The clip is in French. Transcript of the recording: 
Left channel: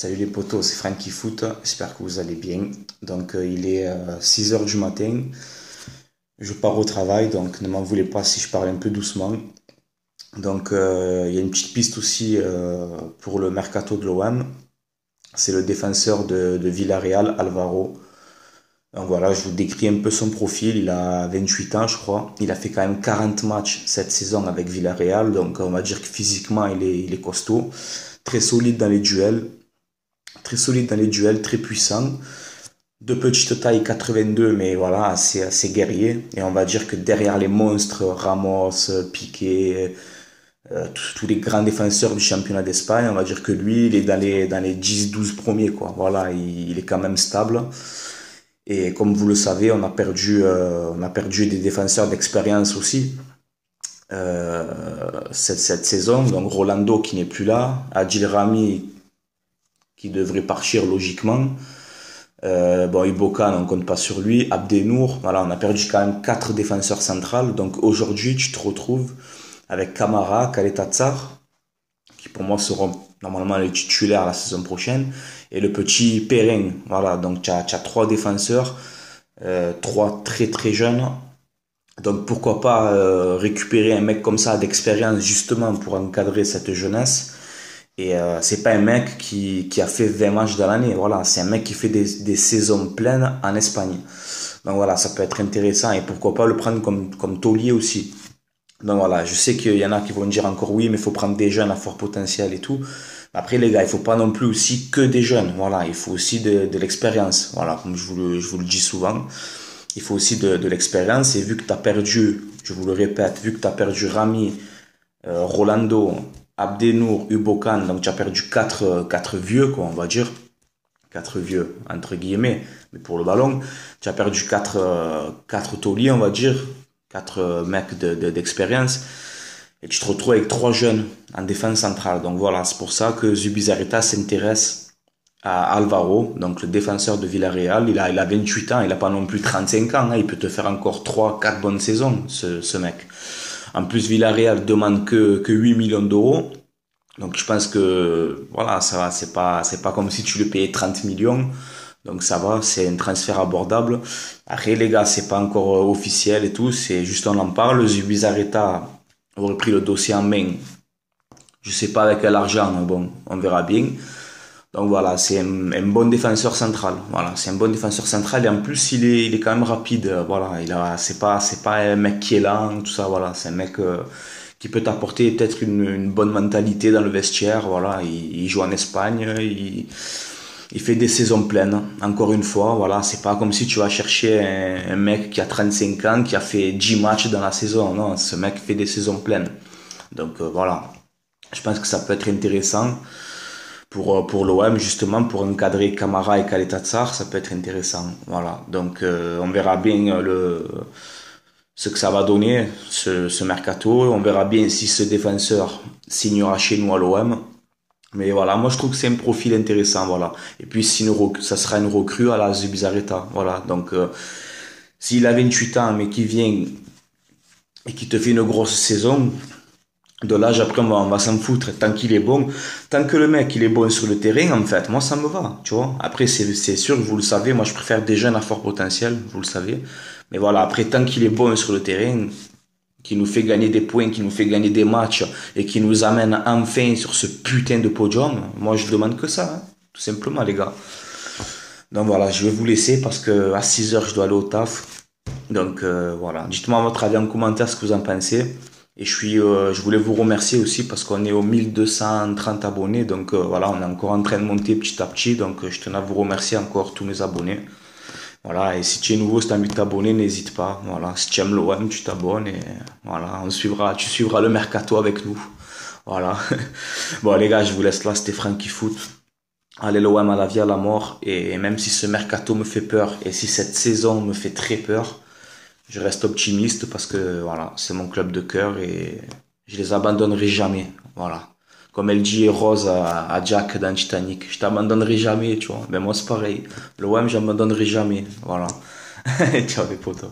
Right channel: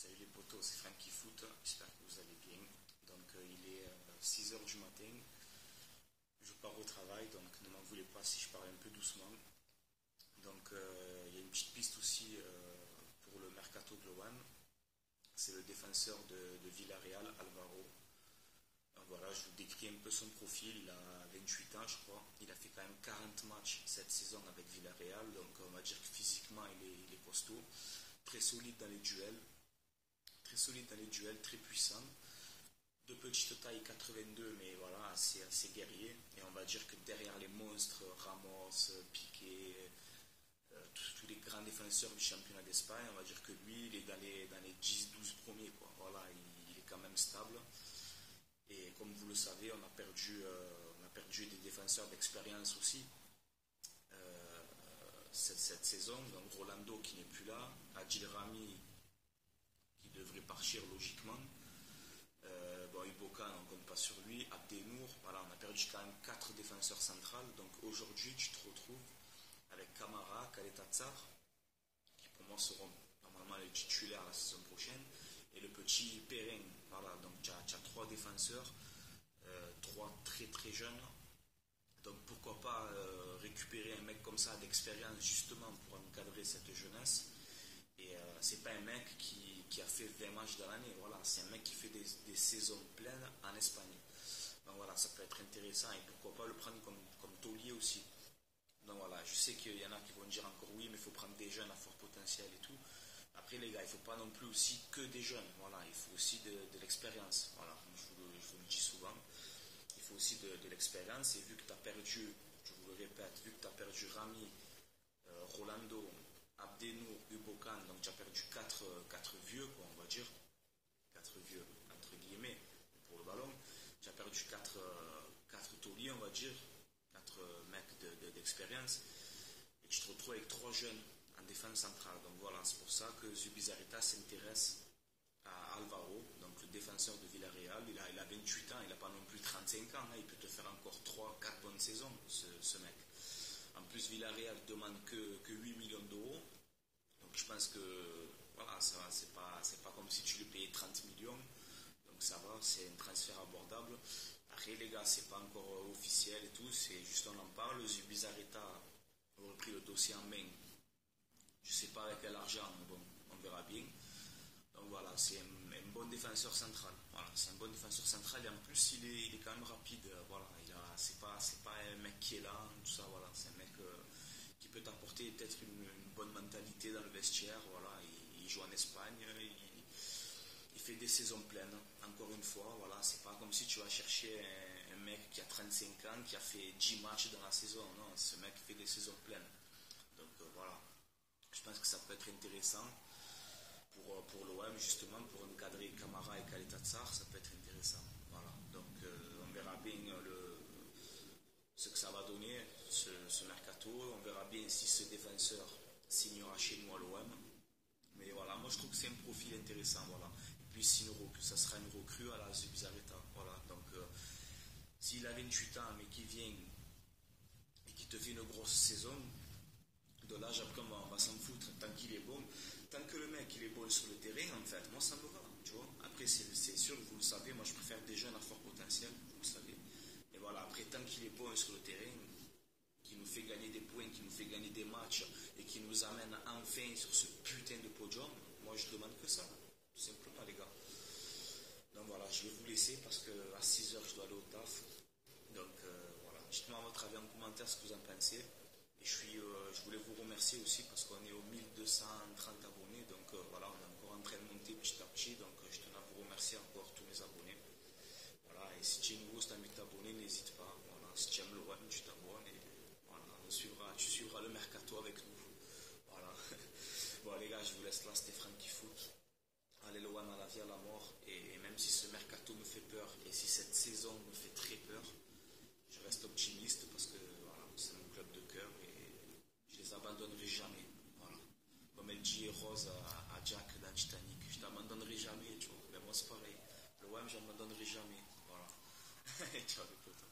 Salut les potos, c'est Frankie Foot, j'espère que vous allez bien. Donc il est 6 heures du matin, je pars au travail, donc ne m'en voulez pas si je parle un peu doucement. Donc il y a une petite piste aussi pour le mercato de l'OM, c'est le défenseur de Villarreal, Alvaro. Donc voilà, je vous décris un peu son profil, il a 28 ans je crois, il a fait quand même 40 matchs cette saison avec Villarreal, donc on va dire que physiquement il est costaud, très solide dans les duels. Très solide dans les duels, très puissant. De petite taille, 82, mais voilà, assez guerrier. Et on va dire que derrière les monstres, Ramos, Piqué, tous les grands défenseurs du championnat d'Espagne, on va dire que lui, il est dans les 10-12 premiers, quoi. Voilà, il est quand même stable. Et comme vous le savez, on a perdu des défenseurs d'expérience aussi cette saison. Donc Rolando qui n'est plus là, Adil Rami qui devrait partir logiquement. Bon, Ibokan, on compte pas sur lui. Abdenour, voilà, on a perdu quand même 4 défenseurs centrales. Donc aujourd'hui, tu te retrouves avec Kamara, Kaletatsar, qui pour moi seront normalement les titulaires la saison prochaine, et le petit Perrin. Voilà, donc tu as 3 défenseurs, 3 très très jeunes. Donc pourquoi pas récupérer un mec comme ça d'expérience justement pour encadrer cette jeunesse. Et c'est pas un mec qui a fait 20 matchs dans l'année, voilà, c'est un mec qui fait des saisons pleines en Espagne. Donc voilà, ça peut être intéressant et pourquoi pas le prendre comme taulier aussi. Donc voilà, je sais qu'il y en a qui vont dire encore oui, mais il faut prendre des jeunes à fort potentiel et tout. Après les gars, il faut pas non plus aussi que des jeunes, voilà, il faut aussi de l'expérience, voilà, comme je vous le dis souvent. Il faut aussi de l'expérience et vu que tu as perdu, je vous le répète, vu que tu as perdu Rami, Rolando, Abdenour, Ubokan, donc tu as perdu 4 vieux, quoi, on va dire. 4 vieux, entre guillemets, mais pour le ballon. Tu as perdu 4 tauliers, on va dire. 4 mecs d'expérience. Et tu te retrouves avec 3 jeunes en défense centrale. Donc voilà, c'est pour ça que Zubizarreta s'intéresse à Alvaro, donc le défenseur de Villarreal. Il a 28 ans, il n'a pas non plus 35 ans. Hein, il peut te faire encore 3 4 bonnes saisons, ce mec. En plus, Villarreal demande que 8 millions d'euros. Donc je pense que voilà, ça va, c'est pas comme si tu le payais 30 millions. Donc ça va, c'est un transfert abordable. Après les gars, c'est pas encore officiel et tout, c'est juste on en parle. Zubizarreta aurait pris le dossier en main. Je sais pas avec quel argent, mais bon, on verra bien. Donc voilà, c'est un bon défenseur central. Voilà, c'est un bon défenseur central et en plus il est quand même rapide. Voilà, c'est pas un mec qui est lent, tout ça. Voilà, c'est un mec qui peut t'apporter peut-être une bonne mentalité dans le vestiaire. Voilà, il joue en Espagne, il fait des saisons pleines. Encore une fois, voilà, c'est pas comme si tu vas chercher un mec qui a 35 ans, qui a fait 10 matchs dans la saison. Non, ce mec fait des saisons pleines. Donc voilà, je pense que ça peut être intéressant pour l'OM, justement, pour encadrer Camara et Kaletatsar, ça peut être intéressant. Voilà, donc on verra bien ce que ça va donner, ce mercato. On verra bien si ce défenseur signera chez nous à l'OM. Mais voilà, moi je trouve que c'est un profil intéressant, voilà. Et puis ça sera une recrue à la Zubizarreta, voilà. Donc s'il a 28 ans mais qui vient et qui te fait une grosse saison, de l'âge après on va s'en foutre tant qu'il est bon, tant que le mec il est bon sur le terrain en fait, moi ça me va, tu vois. Après c'est sûr, vous le savez, moi je préfère des jeunes à fort potentiel, vous le savez. Mais voilà, après tant qu'il est bon sur le terrain, qui nous fait gagner des points, qui nous fait gagner des matchs et qui nous amène enfin sur ce putain de podium, moi je demande que ça, hein, tout simplement les gars. Donc voilà, je vais vous laisser parce que à 6 heures je dois aller au taf. Donc voilà, dites-moi votre avis en commentaire ce que vous en pensez. Et je voulais vous remercier aussi parce qu'on est aux 1230 abonnés. Donc voilà, on est encore en train de monter petit à petit. Donc je tenais à vous remercier encore tous mes abonnés. Voilà, et si tu es nouveau, si tu as envie de t'abonner, n'hésite pas. Voilà, si tu aimes l'OM, tu t'abonnes et voilà, tu suivras le mercato avec nous. Voilà. Bon les gars, je vous laisse là, c'était Frankie Foot. Allez l'OM à la vie, à la mort. Et même si ce mercato me fait peur et si cette saison me fait très peur, je reste optimiste parce que voilà, c'est mon club de cœur et je les abandonnerai jamais. Voilà. Comme elle dit Rose à Jack dans Titanic, je t'abandonnerai jamais, tu vois. Mais moi c'est pareil. Le OM, j'abandonnerai jamais. Voilà. Ciao les potos.